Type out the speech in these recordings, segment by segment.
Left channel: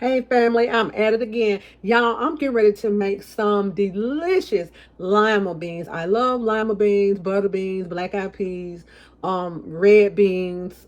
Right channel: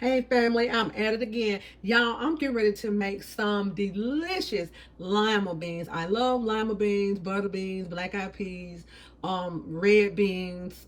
Hey family, I'm at it again. Y'all, I'm getting ready to make some delicious lima beans. I love lima beans, butter beans, black eyed peas, red beans,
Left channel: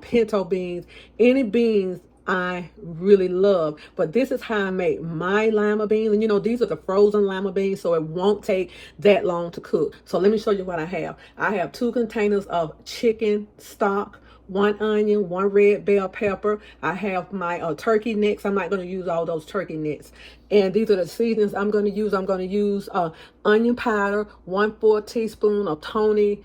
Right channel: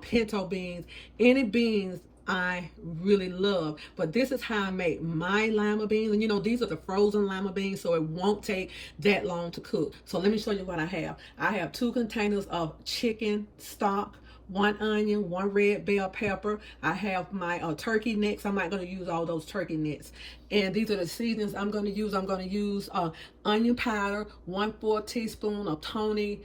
pinto beans, any beans I really love. But this is how I make my lima beans. And you know, these are the frozen lima beans, so it won't take that long to cook. So let me show you what I have. I have 2 containers of chicken stock, 1 onion, 1 red bell pepper. I have my turkey necks. I'm not going to use all those turkey necks. And these are the seasonings I'm going to use. I'm going to use onion powder, 1/4 teaspoon of Tony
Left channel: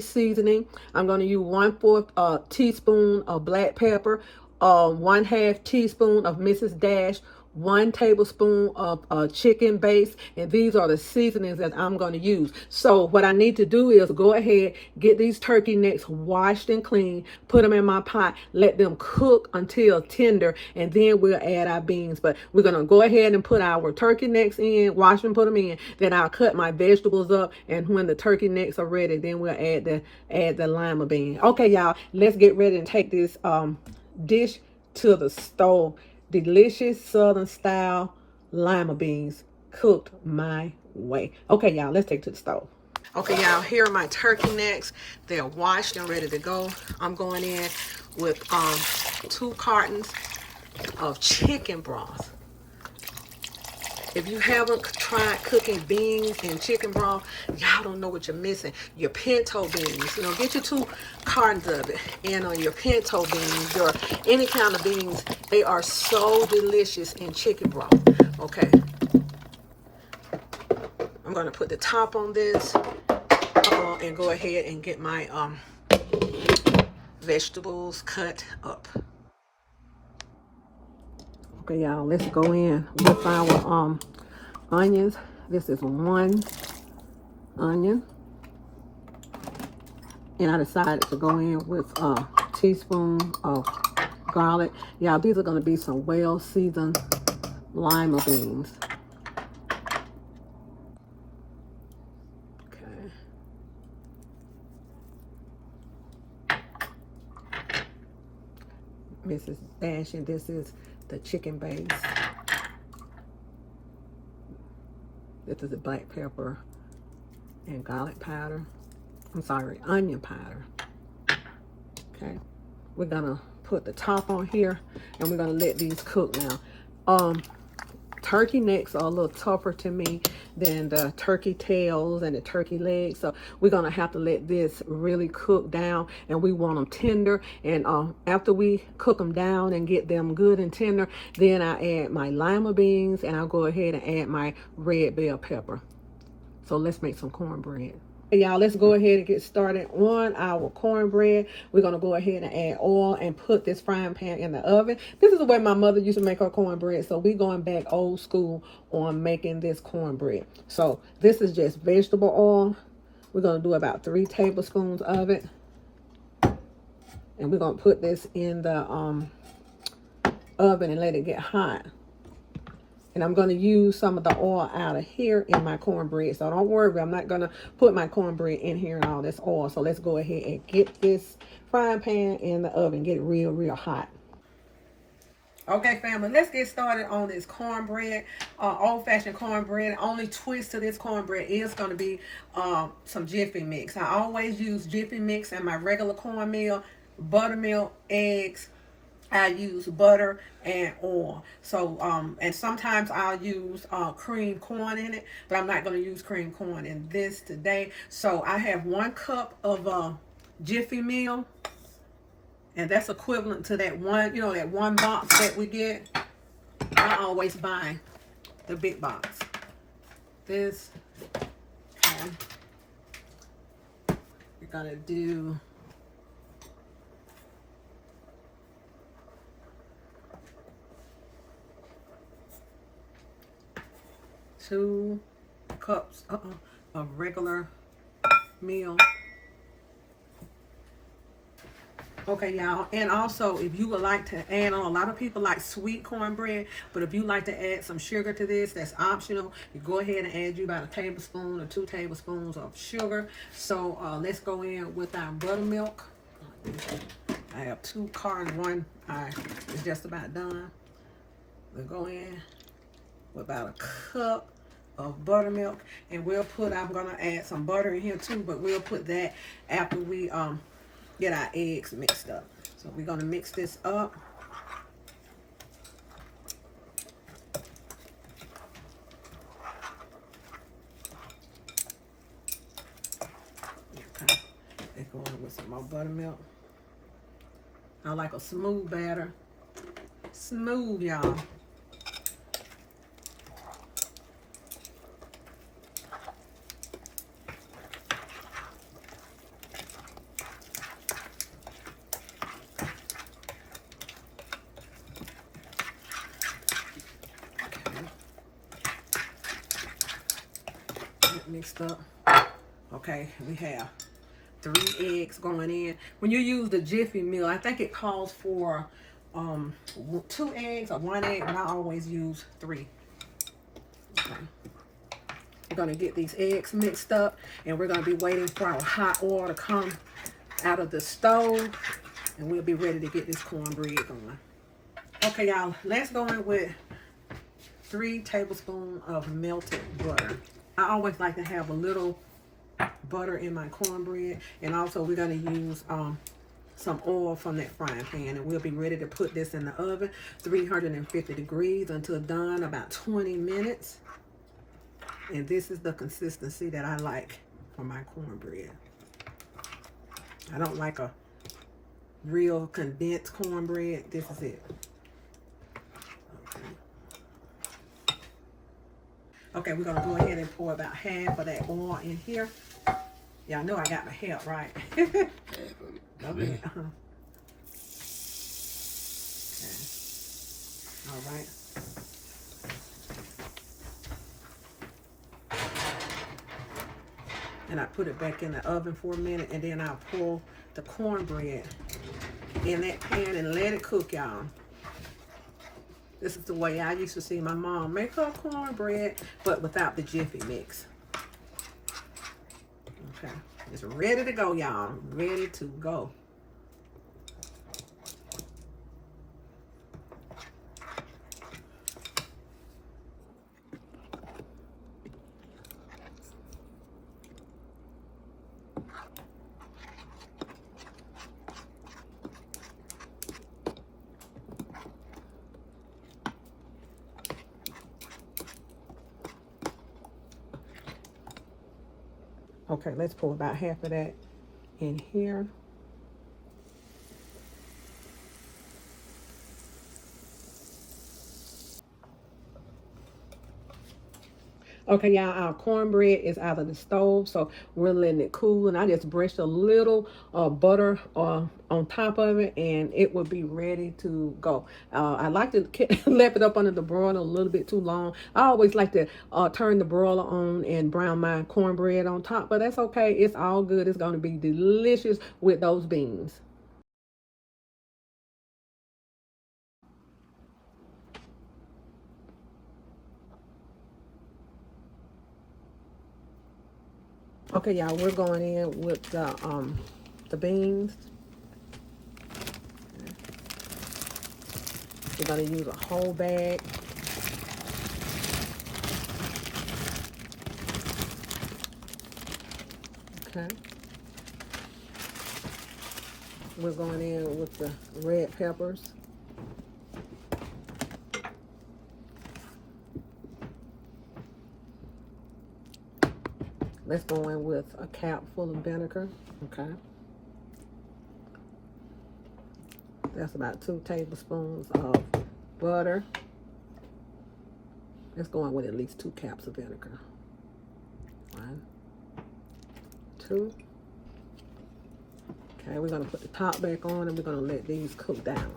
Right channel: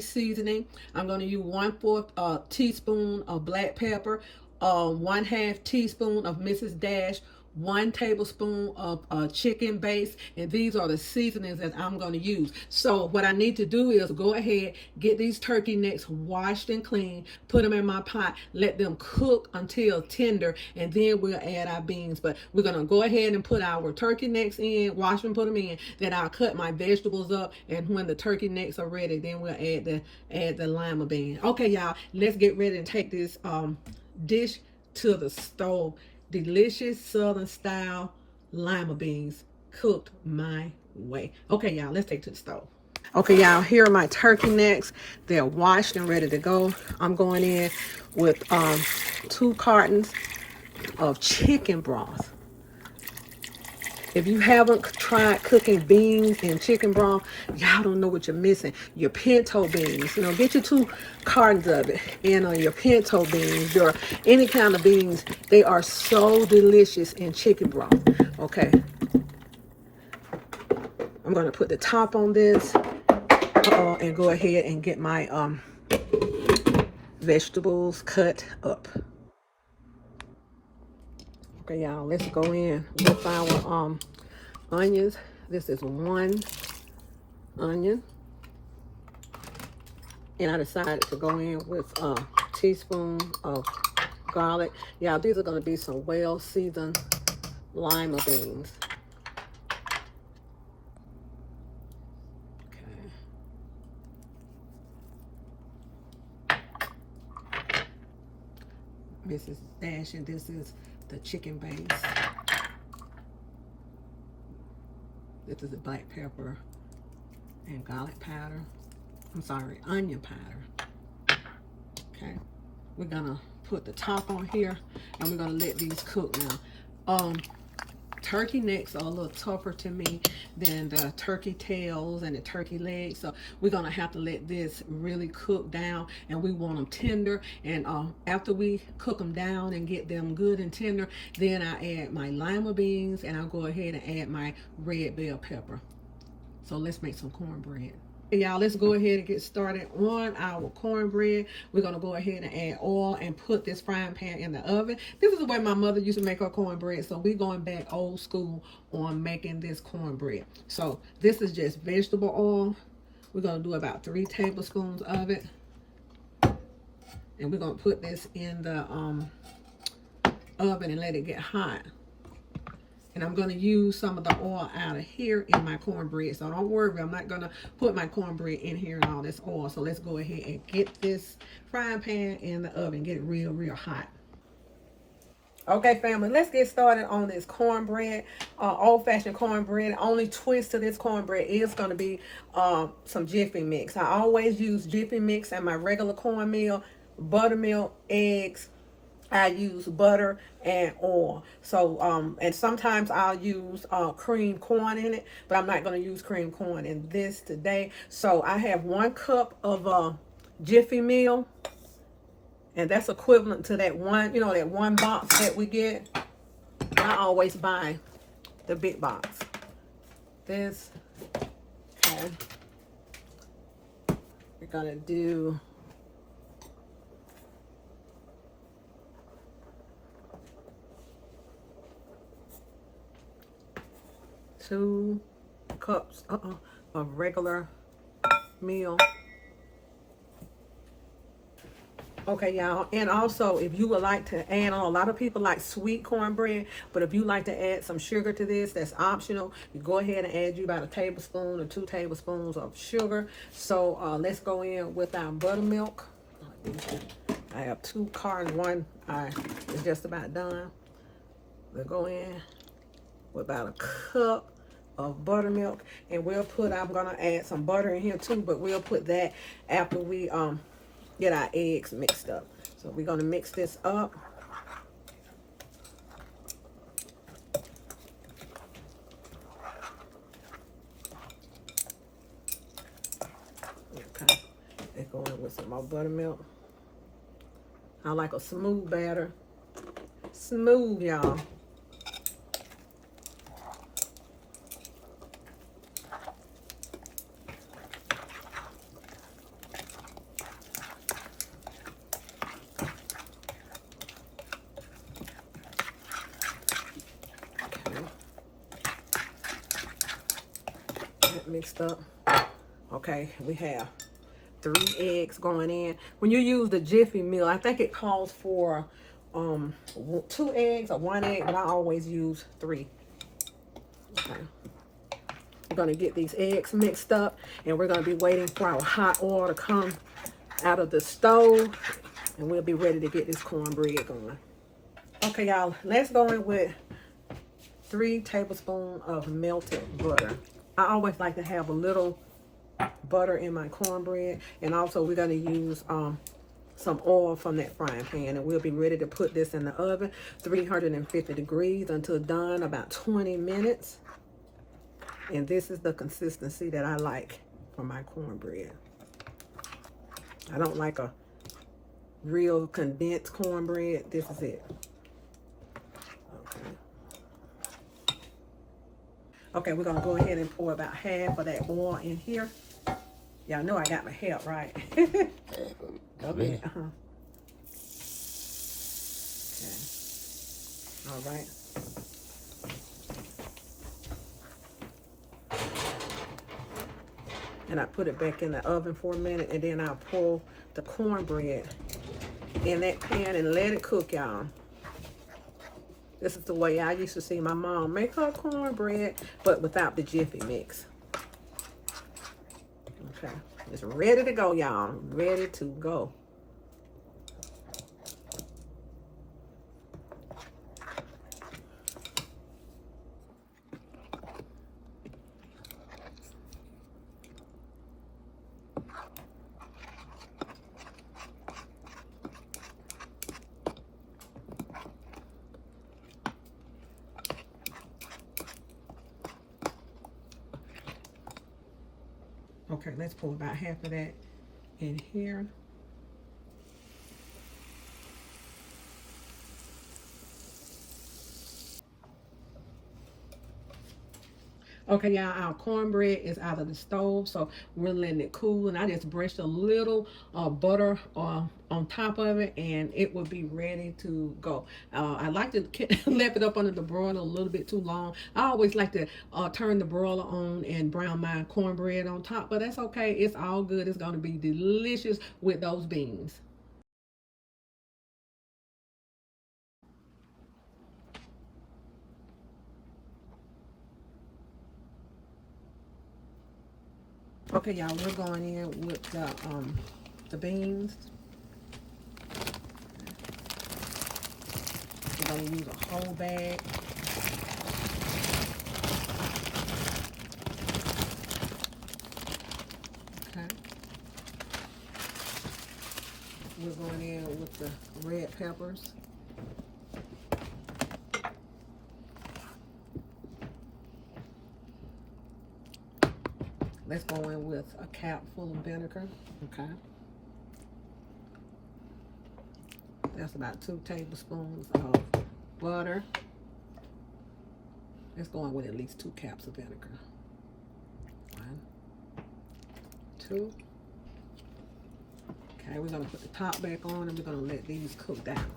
seasoning. I'm going to use 1/4 teaspoon of black pepper, 1/2 teaspoon of Mrs. Dash, 1 tablespoon of chicken base, and these are the seasonings that I'm going to use. So what I need to do is go ahead, get these turkey necks washed and clean, put them in my pot, let them cook until tender, and then we'll add our beans. But we're going to go ahead and put our turkey necks in, wash and put them in. Then I'll cut my vegetables up, and when the turkey necks are ready, then we'll add the lima bean. Okay, y'all, let's get ready and take this dish to the stove. Delicious southern style lima beans cooked my way. Okay, y'all, let's take it to the stove. Okay, y'all, here are my turkey necks. They're washed and ready to go. I'm going in with 2 cartons of chicken broth. If you haven't tried cooking beans and chicken broth, y'all don't know what you're missing. Your pinto beans, get your 2 cartons of it. And your pinto beans, your any kind of beans, they are so delicious in chicken broth. Okay, I'm gonna put the top on this and go ahead and get my vegetables cut up. Okay, y'all, let's go in with our onions. This is 1 onion. And I decided to go in with a teaspoon of garlic. Y'all, these are going to be some well-seasoned lima beans. Okay. Mrs. Dash, and this is the chicken base. This is the black pepper and garlic powder. I'm sorry, onion powder. Okay, we're gonna put the top on here, and we're gonna let these cook now. Turkey necks are a little tougher to me than the turkey tails and the turkey legs, so we're gonna have to let this really cook down, and we want them tender. And after we cook them down and get them good and tender, then I add my lima beans, and I'll go ahead and add my red bell pepper. So let's make some cornbread. Hey y'all, let's go ahead and get started on our cornbread. We're going to go ahead and add oil and put this frying pan in the oven. This is the way my mother used to make her cornbread, so we're going back old school on making this cornbread. So this is just vegetable oil. We're going to do about 3 tablespoons of it, and we're going to put this in the oven and let it get hot. And I'm going to use some of the oil out of here in my cornbread. So don't worry, I'm not going to put my cornbread in here and all this oil. So let's go ahead and get this frying pan in the oven. Get it real, real hot. Okay, family, let's get started on this cornbread. Old-fashioned cornbread. Only twist to this cornbread is going to be some Jiffy mix. I always use Jiffy mix in my regular cornmeal, buttermilk, eggs. I use butter and oil. So, and sometimes I'll use cream corn in it, but I'm not going to use cream corn in this today. So I have 1 cup of Jiffy meal, and that's equivalent to that one, that 1 box that we get. I always buy the big box. This, we're going to do 2 cups of regular meal. Okay, y'all, and also if you would like to add on, a lot of people like sweet cornbread, but if you like to add some sugar to this, that's optional. You go ahead and add you about 1 tablespoon or 2 tablespoons of sugar. So let's go in with our buttermilk. I have 2 cartons, one is just about done. We'll go in with about a cup of buttermilk, and we'll put, I'm gonna add some butter in here too, but we'll put that after we get our eggs mixed up. So we're gonna mix this up. Okay, let's go in with some more buttermilk. I like a smooth batter. Smooth, y'all. Mixed up. Okay, we have 3 eggs going in. When you use the Jiffy meal, I think it calls for 2 eggs or 1 egg, but I always use 3. Okay. We're gonna get these eggs mixed up, and we're gonna be waiting for our hot oil to come out of the stove, and we'll be ready to get this cornbread going. Okay, y'all, let's go in with 3 tablespoons of melted butter. I always like to have a little butter in my cornbread, and also we're going to use some oil from that frying pan, and we'll be ready to put this in the oven, 350 degrees until done, about 20 minutes. And this is the consistency that I like for my cornbread. I don't like a real condensed cornbread. This is it. Okay, we're gonna go ahead and pour about half of that oil in here. Y'all know I got my help, right? Okay. Okay. All right. And I put it back in the oven for a minute, and then I'll pour the cornbread in that pan and let it cook, y'all. This is the way I used to see my mom make her cornbread, but without the Jiffy mix. Okay, it's ready to go, y'all. Ready to go. Okay, let's pour about half of that in here. Okay, y'all, our cornbread is out of the stove, so we're letting it cool, and I just brushed a little butter on top of it, and it will be ready to go. I like to left it up under the broiler a little bit too long. I always like to turn the broiler on and brown my cornbread on top, but that's okay. It's all good. It's going to be delicious with those beans. Okay, y'all, we're going in with the beans. We're going to use a whole bag. Okay. We're going in with the red peppers. Let's go in with a cap full of vinegar. Okay. That's about 2 tablespoons of butter. Let's go in with at least 2 caps of vinegar. 1, 2. Okay, we're gonna put the top back on, and we're gonna let these cook down.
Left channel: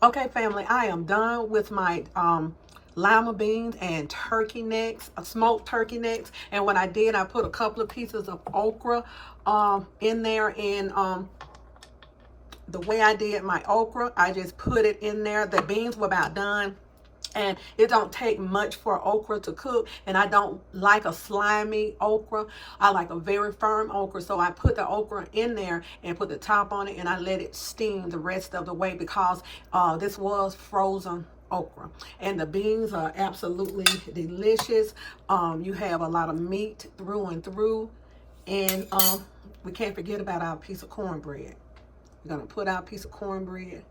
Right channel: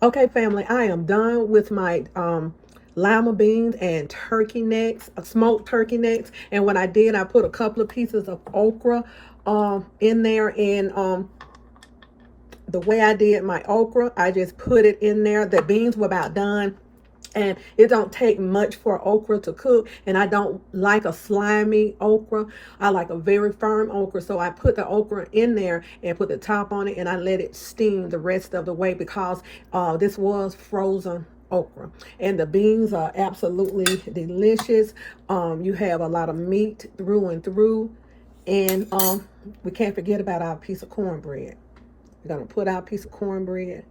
Okay, family, I am done with my lima beans and turkey necks, smoked turkey necks. And what I did, I put a couple of pieces of okra in there. And the way I did my okra, I just put it in there. The beans were about done. And it don't take much for okra to cook, and I don't like a slimy okra. I like a very firm okra. So I put the okra in there and put the top on it, and I let it steam the rest of the way, because this was frozen okra. And the beans are absolutely delicious. You have a lot of meat through and through. And we can't forget about our piece of cornbread. We're gonna put our piece of cornbread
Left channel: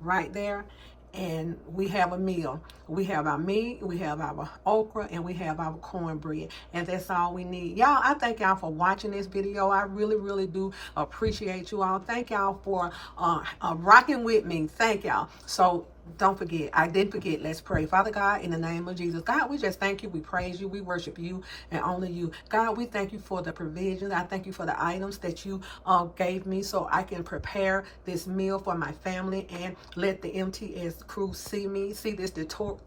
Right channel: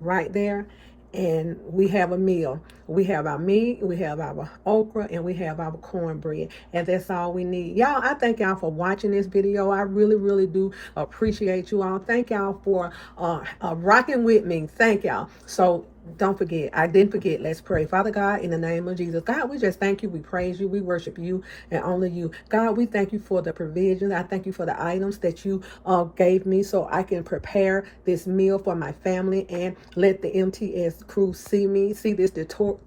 right there, and we have a meal. We have our meat, we have our okra, and we have our cornbread, and that's all we need. Y'all, I thank y'all for watching this video. I really do appreciate you all. Thank y'all for rocking with me. Thank y'all. So don't forget, I didn't forget, let's pray. Father God, in the name of Jesus, God, we just thank you, we praise you, we worship you and only you. God, we thank you for the provisions. I thank you for the items that you gave me, so I can prepare this meal for my family, and let the MTS crew see this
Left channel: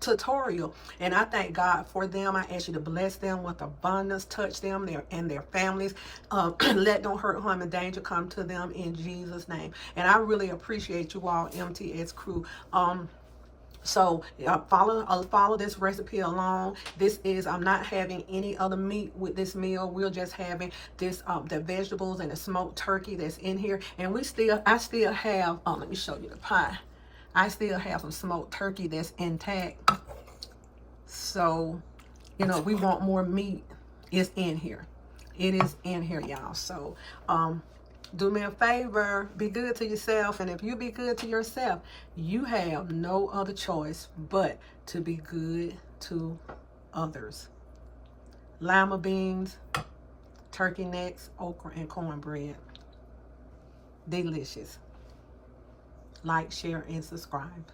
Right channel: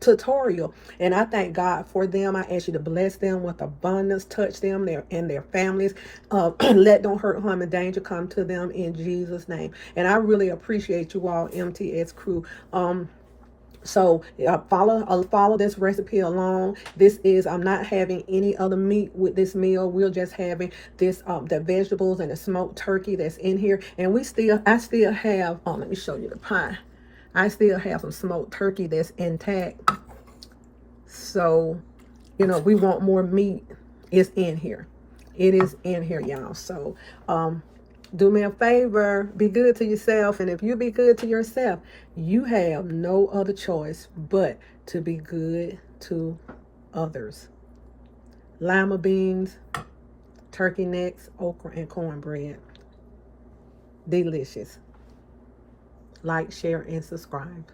tutorial. And I thank God for them. I ask you to bless them with abundance, touch them and their families. Let no hurt, harm, and danger come to them in Jesus' name. And I really appreciate you all, MTS crew. So follow this recipe along. I'm not having any other meat with this meal. We're just having this the vegetables and the smoked turkey that's in here. And I still have let me show you the pie. I still have some smoked turkey that's intact. So, we want more meat. It's in here. It is in here, y'all. So do me a favor, be good to yourself. And if you be good to yourself, you have no other choice but to be good to others. Lima beans, turkey necks, okra, and cornbread. Delicious. Like, share, and subscribe.